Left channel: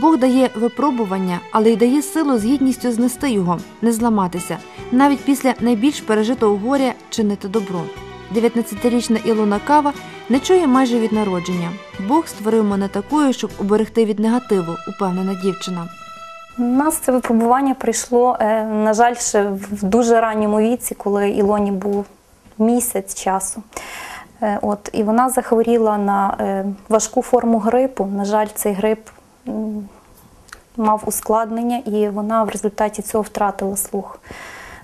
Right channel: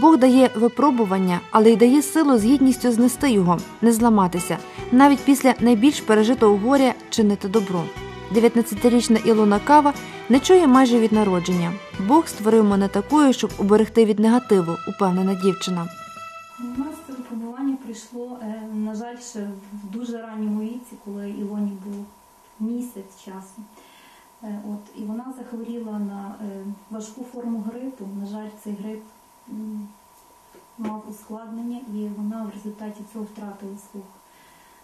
Бог дає випробування, але й дає силу з гідністю знести його, не зламатися, навіть після найбільш пережитого горя чинити добро. 19-річна Ілона Кава не чує майже від народження. Бог створив мене такою, щоб уберегти від негативу, упевнена дівчина. У нас це випробування прийшло, е, на жаль, ще в дуже ранньому віці, коли Ілоні був місяць часу. Е, От, і вона захворіла на е, важку форму грипу. На жаль, цей грип мав ускладнення, і вона в результаті цього втратила слух.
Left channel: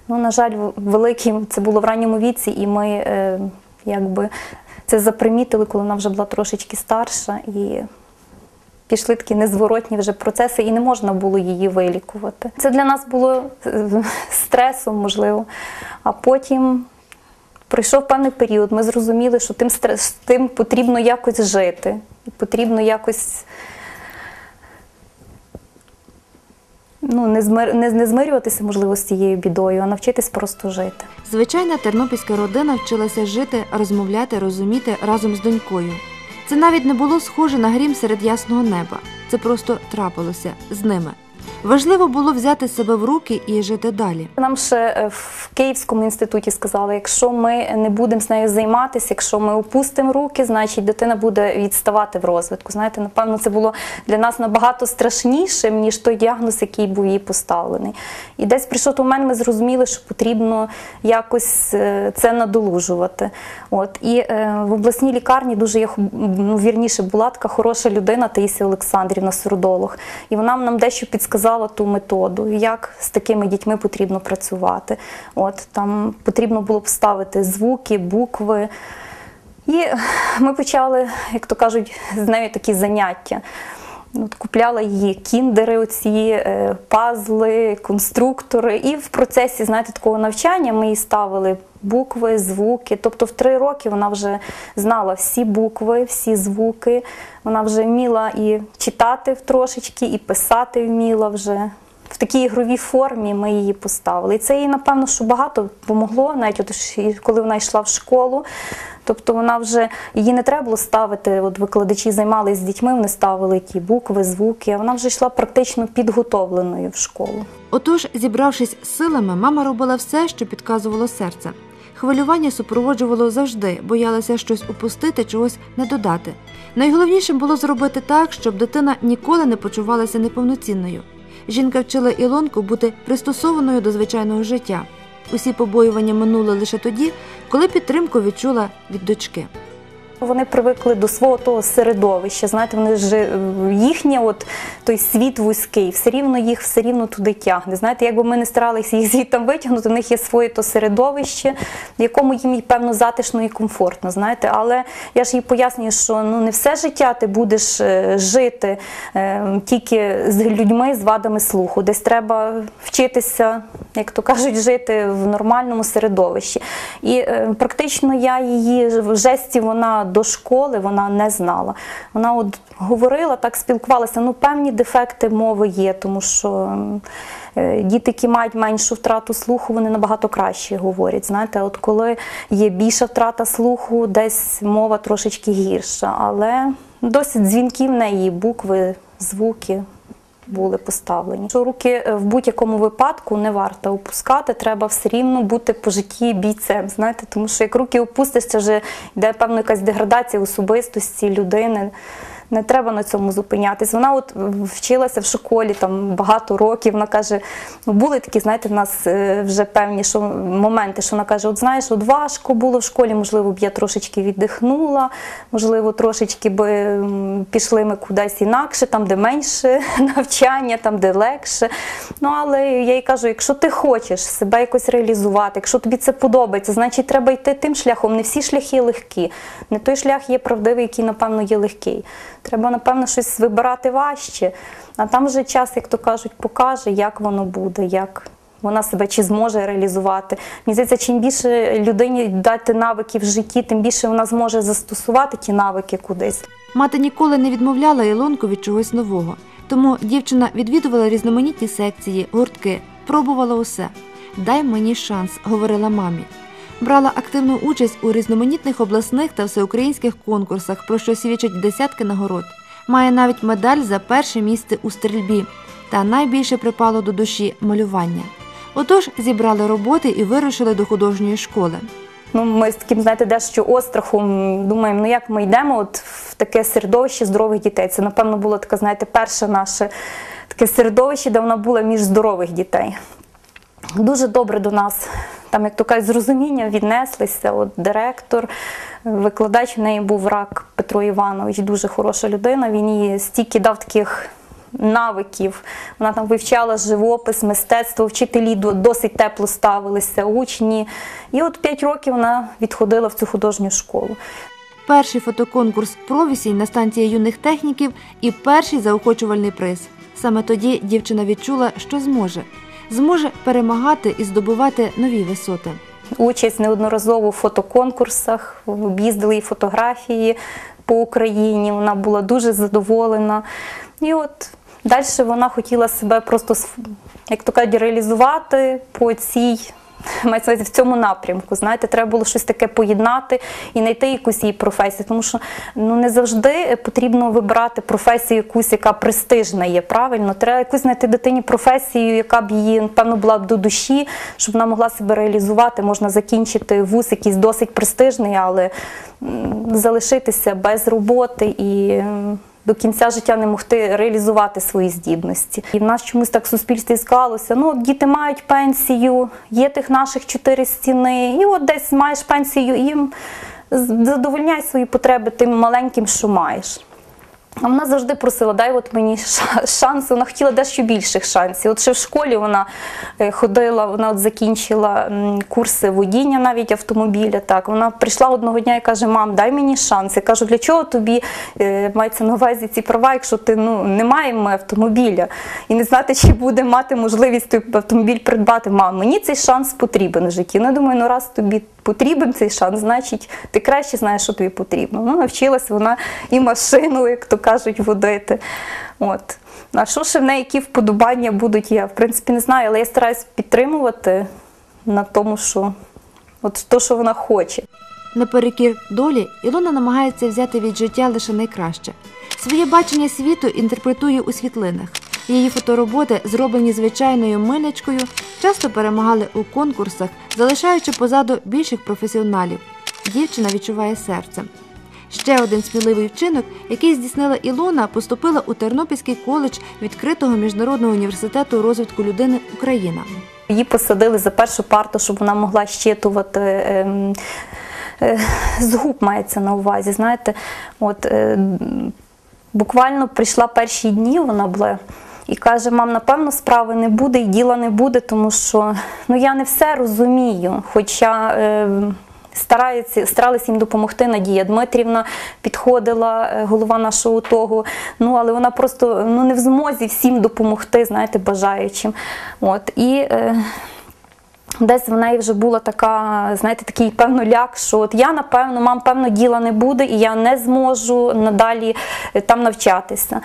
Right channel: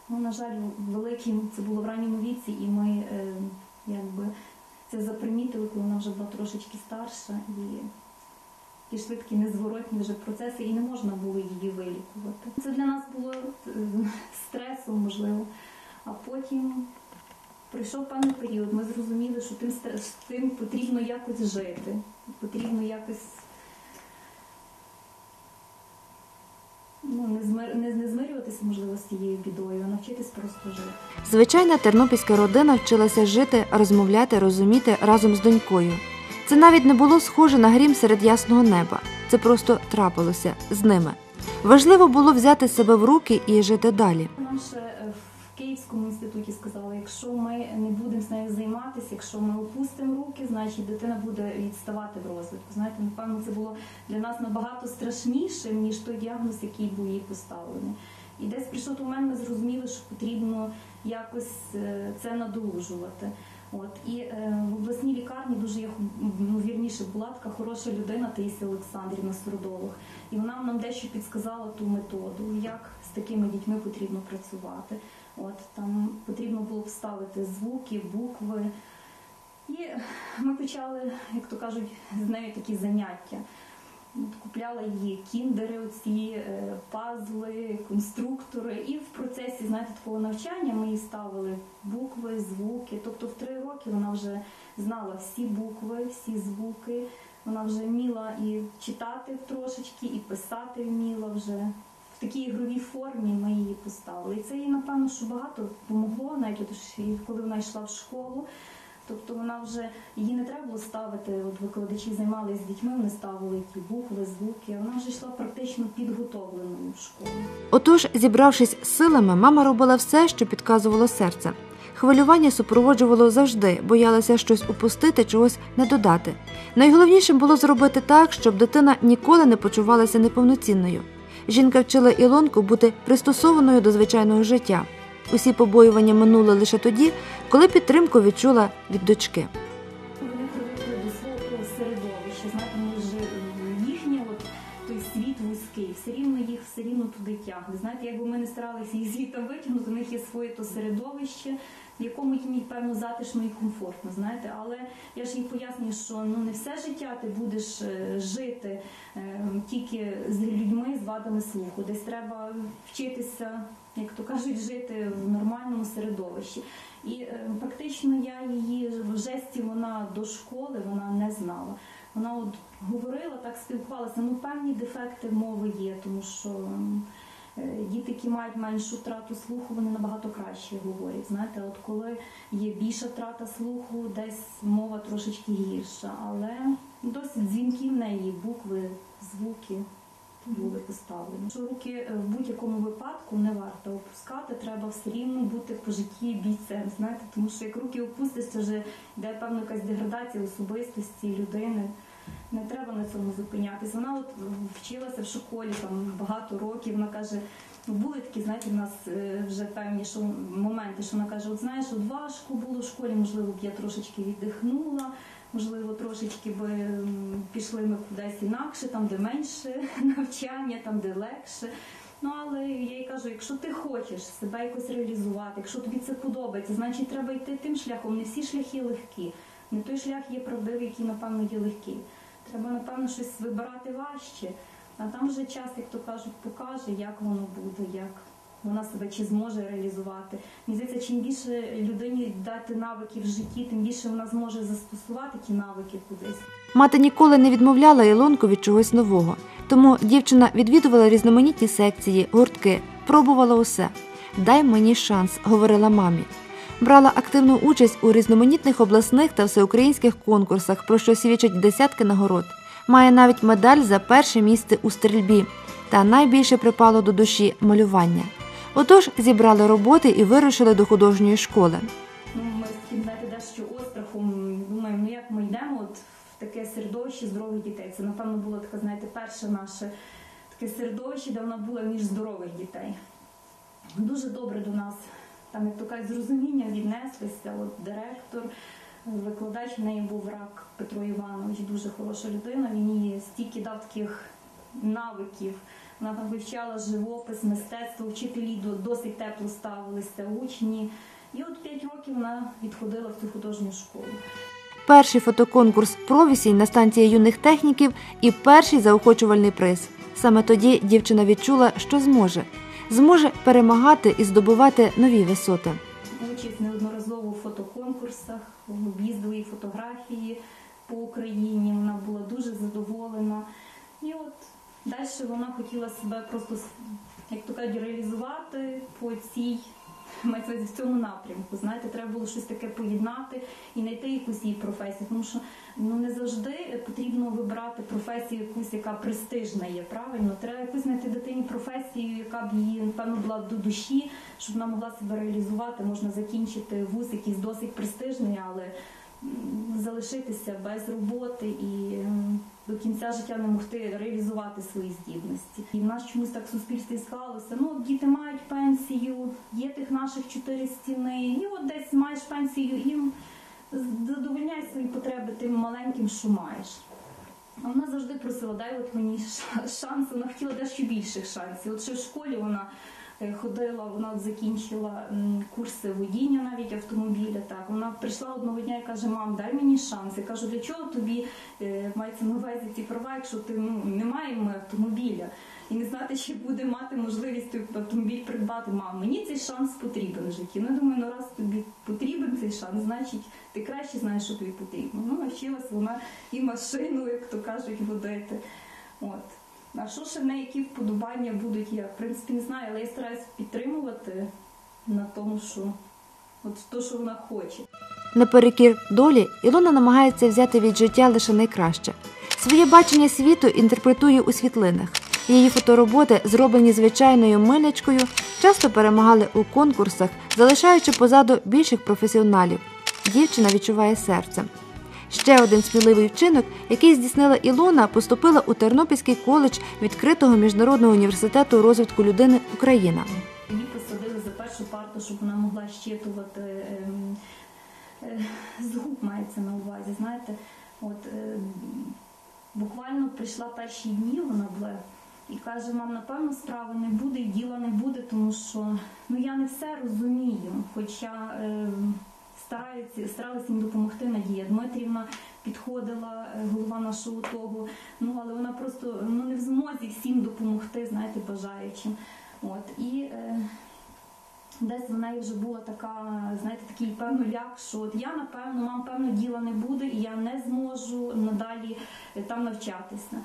Ну, на жаль, в- великий це було в ранньому віці, і ми е, якби це запримітили, коли вона вже була трошечки старша. І пішли такі незворотні вже процеси, і не можна було її вилікувати. Це для нас було е, стресом, можливо. А потім пройшов певний період. Ми зрозуміли, що тим стрес, тим потрібно якось жити. Потрібно якось ну, не, змир, не, не змирюватися, можливо, з цією бідою, а навчитись просто жити. Звичайна тернопільська родина вчилася жити, розмовляти, розуміти разом з донькою. Це навіть не було схоже на грім серед ясного неба. Це просто трапилося з ними. Важливо було взяти себе в руки і жити далі. Нам ще е, в Київському інституті сказали, якщо ми не будемо з нею займатися, якщо ми опустимо руки, значить дитина буде відставати в розвитку. Знаєте, напевно, це було для нас набагато страшнішим, ніж той діагноз, який був їй поставлений. І десь прийшов той момент, ми зрозуміли, що потрібно якось е, це надолужувати. От і е, в обласній лікарні дуже є ну, вірніше була така хороша людина Таїсія Олександрівна, сурдолог. І вона нам дещо підсказала ту методу, як з такими дітьми потрібно працювати. От там потрібно було б ставити звуки, букви. І ми почали, як то кажуть, з нею такі заняття. От купляла її кіндери, оці е, пазли, конструктори. І в процесі, знаєте, такого навчання ми їй ставили букви, звуки. Тобто в три роки вона вже знала всі букви, всі звуки. Вона вже вміла і читати трошечки, і писати вміла вже. В такій ігровій формі ми її поставили. І це їй, напевно, що багато допомогло, навіть от, коли вона йшла в школу. Тобто вона вже її не треба було ставити. От викладачі займалися з дітьми, вони ставили ті букви, звуки. А вона вже йшла практично підготовленою в школу. Отож, зібравшись з силами, мама робила все, що підказувало серце. Хвилювання супроводжувало завжди, боялася щось упустити, чогось не додати. Найголовнішим було зробити так, щоб дитина ніколи не почувалася неповноцінною. Жінка вчила Ілонку бути пристосованою до звичайного життя. Усі побоювання минули лише тоді, коли підтримку відчула від дочки. Вони привикли до свого того середовища. Знаєте, вони ж е, їхнє, от той світ вузький, все рівно їх все рівно туди тягне. Знаєте, якби ми не старалися їх звідти витягнути, у них є своє то середовище, в якому їм певно затишно і комфортно. Знаєте, але я ж їй пояснюю, що ну не все життя ти будеш е, жити е, тільки з людьми з вадами слуху. Десь треба вчитися, як то кажуть, жити в нормальному середовищі. І е, практично я її в жесті вона до школи вона не знала. Вона от говорила, так спілкувалася. Ну, певні дефекти мови є, тому що. е, Діти, які мають меншу втрату слуху, вони набагато краще говорять. Знаєте, от коли є більша втрата слуху, десь мова трошечки гірша, але досить дзвінки в неї, букви, звуки були поставлені. Що руки е, в будь-якому випадку не варто опускати, треба все рівно бути по житті бійцем. Знаєте, тому що як руки опустиш, це вже йде певна якась деградація особистості людини. Не треба на цьому зупинятись. Вона от вчилася в школі там багато років. Вона каже: ну були такі, знаєте, в нас е, вже певні що, моменти, що вона каже: от знаєш, от важко було в школі, можливо, б я трошечки віддихнула, можливо, трошечки би пішли ми кудись інакше, там, де менше навчання, там, де легше. Ну, але я їй кажу, якщо ти хочеш себе якось реалізувати, якщо тобі це подобається, значить треба йти тим шляхом. Не всі шляхи легкі. Не той шлях є правдивий, який, напевно, є легкий. Треба, напевно, щось вибирати важче. А там вже час, як то кажуть, покаже, як воно буде, як вона себе чи зможе реалізувати. Мені здається, чим більше людині дати навики в житті, тим більше вона зможе застосувати ті навики кудись. Мати ніколи не відмовляла Ілонку від чогось нового, тому дівчина відвідувала різноманітні секції, гуртки, пробувала усе. Дай мені шанс, говорила мамі. Брала активну участь у різноманітних обласних та всеукраїнських конкурсах, про що свідчать десятки нагород. Має навіть медаль за перше місце у стрільбі. Та найбільше припало до душі малювання. Отож зібрали роботи і вирушили до художньої школи. Ну, ми з таким, знаєте, дещо острахом думаємо, ну як ми йдемо от в таке середовище здорових дітей. Це, напевно, було таке, знаєте, перше наше таке середовище, де вона була між здорових дітей. Дуже добре до нас, там, як то кажуть, з розумінням віднеслися. От директор, викладач в неї був рак Петро Іванович, дуже хороша людина. Він їй стільки дав таких навиків. Вона там вивчала живопис, мистецтво, вчителі досить тепло ставилися, учні. І от п'ять років вона відходила в цю художню школу. Перший фотоконкурс провісінь на станції юних техніків і перший заохочувальний приз. Саме тоді дівчина відчула, що зможе. Зможе перемагати і здобувати нові висоти. Участь неодноразово в фотоконкурсах, об'їздили фотографії по Україні. Вона була дуже задоволена. І от далі вона хотіла себе просто, як то кажуть, реалізувати по цій. Мається В цьому напрямку, знаєте, треба було щось таке поєднати і знайти якусь її професію. Тому що ну не завжди потрібно вибирати професію якусь, яка престижна є. Правильно, треба якусь знайти дитині професію, яка б її напевно була б до душі, щоб вона могла себе реалізувати. Можна закінчити вуз якийсь досить престижний, але залишитися без роботи і. До кінця життя не могти реалізувати свої здібності. І в нас чомусь так в суспільстві склалося. Ну, діти мають пенсію, є тих наших чотири стіни, і от десь маєш пенсію, і задовольняй свої потреби тим маленьким, що маєш. А вона завжди просила, дай от мені ша- шанс. Вона хотіла дещо більших шансів. От ще в школі вона е, ходила, вона от закінчила курси водіння навіть автомобіля. Так вона прийшла одного дня і каже: Мам, дай мені шанс. Я кажу, для чого тобі е, мається на увазі ці права, якщо ти ну не маємо автомобіля і не знати, чи буде мати можливість той автомобіль придбати. Мам, мені цей шанс потрібен в житті. Ну думаю, ну раз тобі потрібен цей шанс, значить ти краще знаєш, що тобі потрібно. Ну, навчилась вона і машину, як то кажуть, водити. От. А що ще в неї, які вподобання будуть, я в принципі не знаю, але я стараюсь підтримувати на тому, що от то, що вона хоче. Наперекір долі Ілона намагається взяти від життя лише найкраще. Своє бачення світу інтерпретує у світлинах. Її фотороботи, зроблені звичайною милячкою, часто перемагали у конкурсах, залишаючи позаду більших професіоналів. Дівчина відчуває серцем. Ще один сміливий вчинок, який здійснила Ілона, поступила у Тернопільський коледж відкритого міжнародного університету розвитку людини Україна. Її посадили за першу парту, щоб вона могла щитувати. ем, е, З губ мається на увазі, знаєте, от е, буквально прийшла перші дні, вона була і каже: мам, напевно, справи не буде і діла не буде, тому що ну я не все розумію. Хоча е, стараються, старалися їм допомогти. Надія Дмитрівна підходила, е, голова нашого того. Ну але вона просто ну не в змозі всім допомогти, знаєте, бажаючим. От і. Е, Десь в неї вже була така, знаєте, такий певно ляк, що от я напевно, мам, певно, діла не буде, і я не зможу надалі е, там навчатися.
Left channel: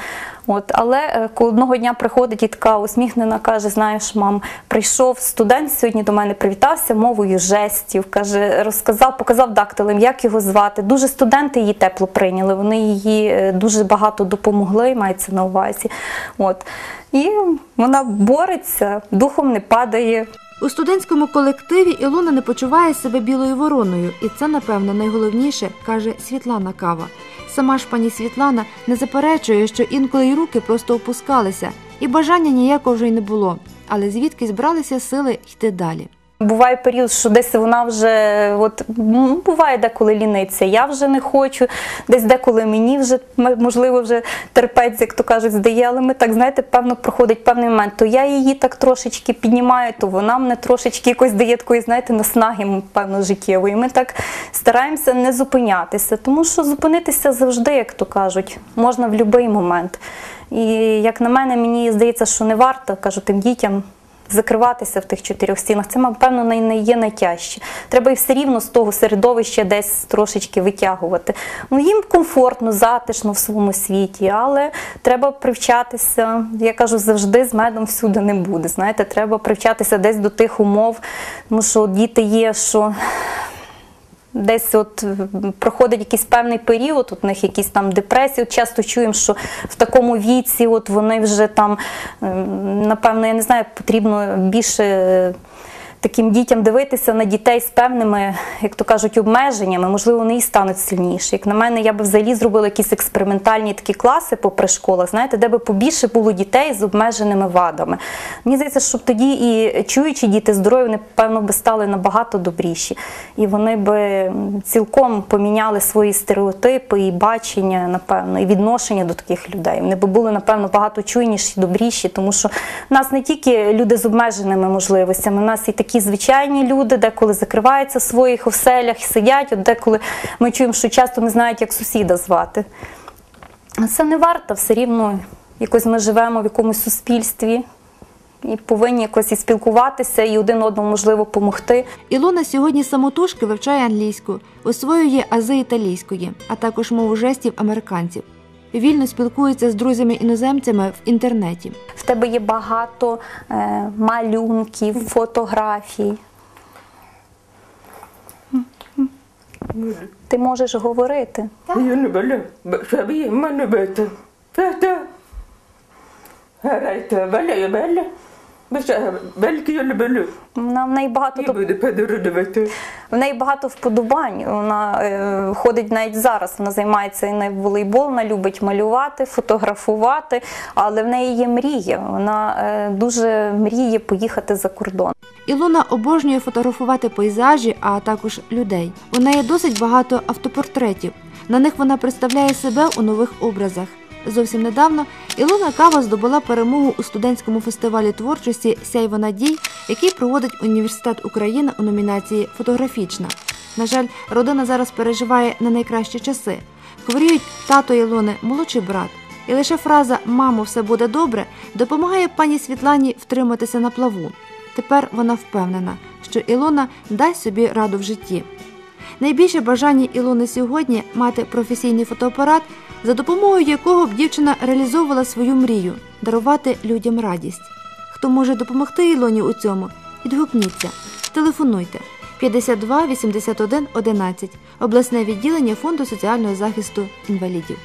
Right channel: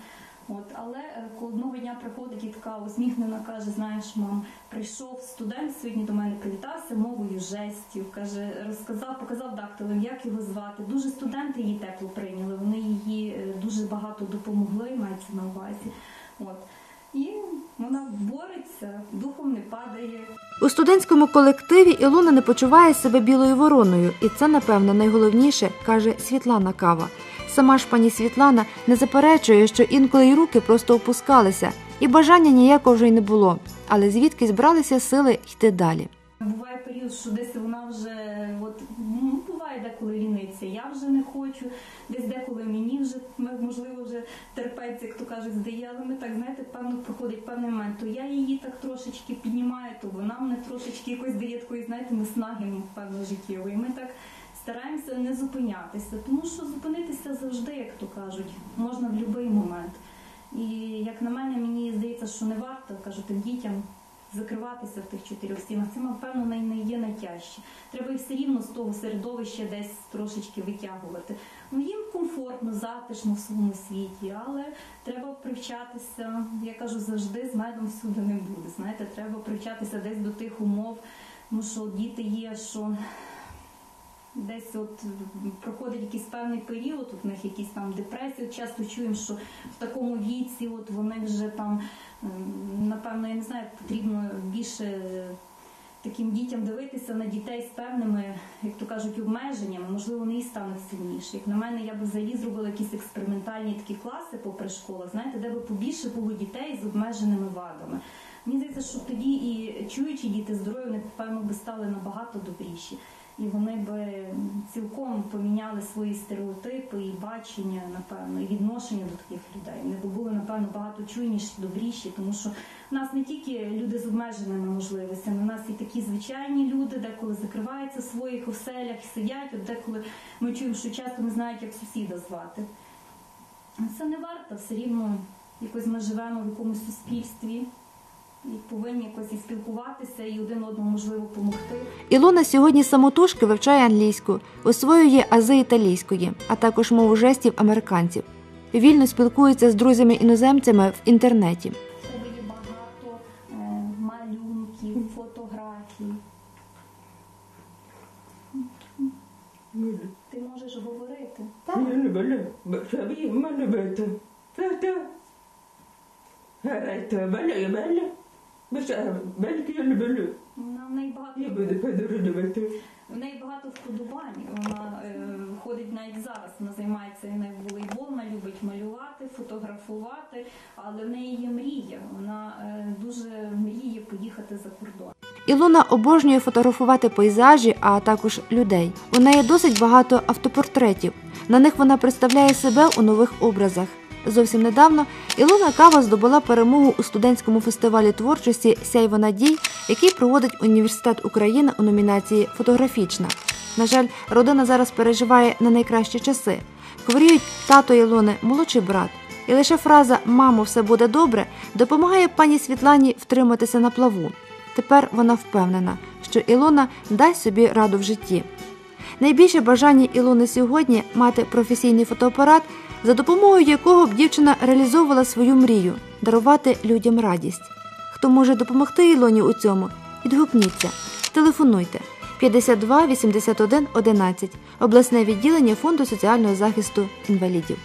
От, але е, одного дня приходить і така усміхнена, каже: знаєш, мам, прийшов студент сьогодні до мене, привітався мовою жестів, каже, розказав, показав дактилем, як його звати. Дуже студенти її тепло прийняли. Вони її е, дуже багато допомогли, мається на увазі. От. І вона бореться, духом не падає. У студентському колективі Ілона не почуває себе білою вороною, і це, напевно, найголовніше, каже Світлана Кава. Сама ж пані Світлана не заперечує, що інколи й руки просто опускалися, і бажання ніякого вже й не було. Але звідки збралися сили йти далі? Буває період, що десь вона вже от ну, буває деколи ліниться. Я вже не хочу, десь деколи мені вже можливо вже терпець, як то кажуть, здає. Але ми так знаєте, певно проходить певний момент. То я її так трошечки піднімаю, то вона мене трошечки якось дає такої, знаєте, наснаги, певно, життєвої. Ми так стараємося не зупинятися, тому що зупинитися завжди, як то кажуть, можна в будь-який момент. І як на мене, мені здається, що не варто кажу тим дітям закриватися в тих чотирьох стінах. Це, напевно, не є найтяжче. Треба і все рівно з того середовища десь трошечки витягувати. Ну, їм комфортно, затишно в своєму світі, але треба привчатися. Я кажу, завжди з медом всюди не буде. Знаєте, треба привчатися десь до тих умов, тому що діти є, що Десь от проходить якийсь певний період, от у них якісь там депресії. От часто чуємо, що в такому віці от вони вже там, ем, напевно, я не знаю, потрібно більше е, таким дітям дивитися на дітей з певними, як то кажуть, обмеженнями. Можливо, вони і стануть сильніші. Як на мене, я би взагалі зробила якісь експериментальні такі класи попри школах, знаєте, де би побільше було дітей з обмеженими вадами. Мені здається, що тоді і чуючі діти здорові, вони, певно, би стали набагато добріші. І вони би цілком поміняли свої стереотипи і бачення, напевно, і відношення до таких людей. Вони би були, напевно, багато чуйніші, добріші, тому що в нас не тільки люди з обмеженими можливостями, у нас і такі звичайні люди, деколи закриваються в своїх оселях, сидять, от деколи ми чуємо, що часто не знають, як сусіда звати. Це не варто, все рівно якось ми живемо в якомусь суспільстві і повинні якось і спілкуватися, і один одному можливо допомогти. Ілона сьогодні самотужки вивчає англійську, освоює ази італійської, а також мову жестів американців. Вільно спілкується з друзями-іноземцями в інтернеті. В тебе є багато е, малюнків, фотографій. Ти можеш говорити. Я валяю, валя. Вельки я люблю. Вона в неї багато тоб- буде подорожувати. в неї багато вподобань. Вона е, ходить навіть зараз. Вона займається і на волейбол, вона любить малювати, фотографувати, але в неї є мрія. Вона е, дуже мріє поїхати за кордон. Ілона обожнює фотографувати пейзажі, а також людей. У неї досить багато автопортретів. На них вона представляє себе у нових образах. Зовсім недавно Ілона Кава здобула перемогу у студентському фестивалі творчості Сяйво надій, який проводить Університет України у номінації Фотографічна. На жаль, родина зараз переживає на найкращі часи. Хворіють тато Ілони, молодший брат. І лише фраза Мамо, все буде добре допомагає пані Світлані втриматися на плаву. Тепер вона впевнена, що Ілона дасть собі раду в житті. Найбільше бажання Ілони сьогодні мати професійний фотоапарат, за допомогою якого б дівчина реалізовувала свою мрію дарувати людям радість. Хто може допомогти Ілоні у цьому? Відгукніться, телефонуйте 52 81 11, обласне відділення Фонду соціального захисту інвалідів.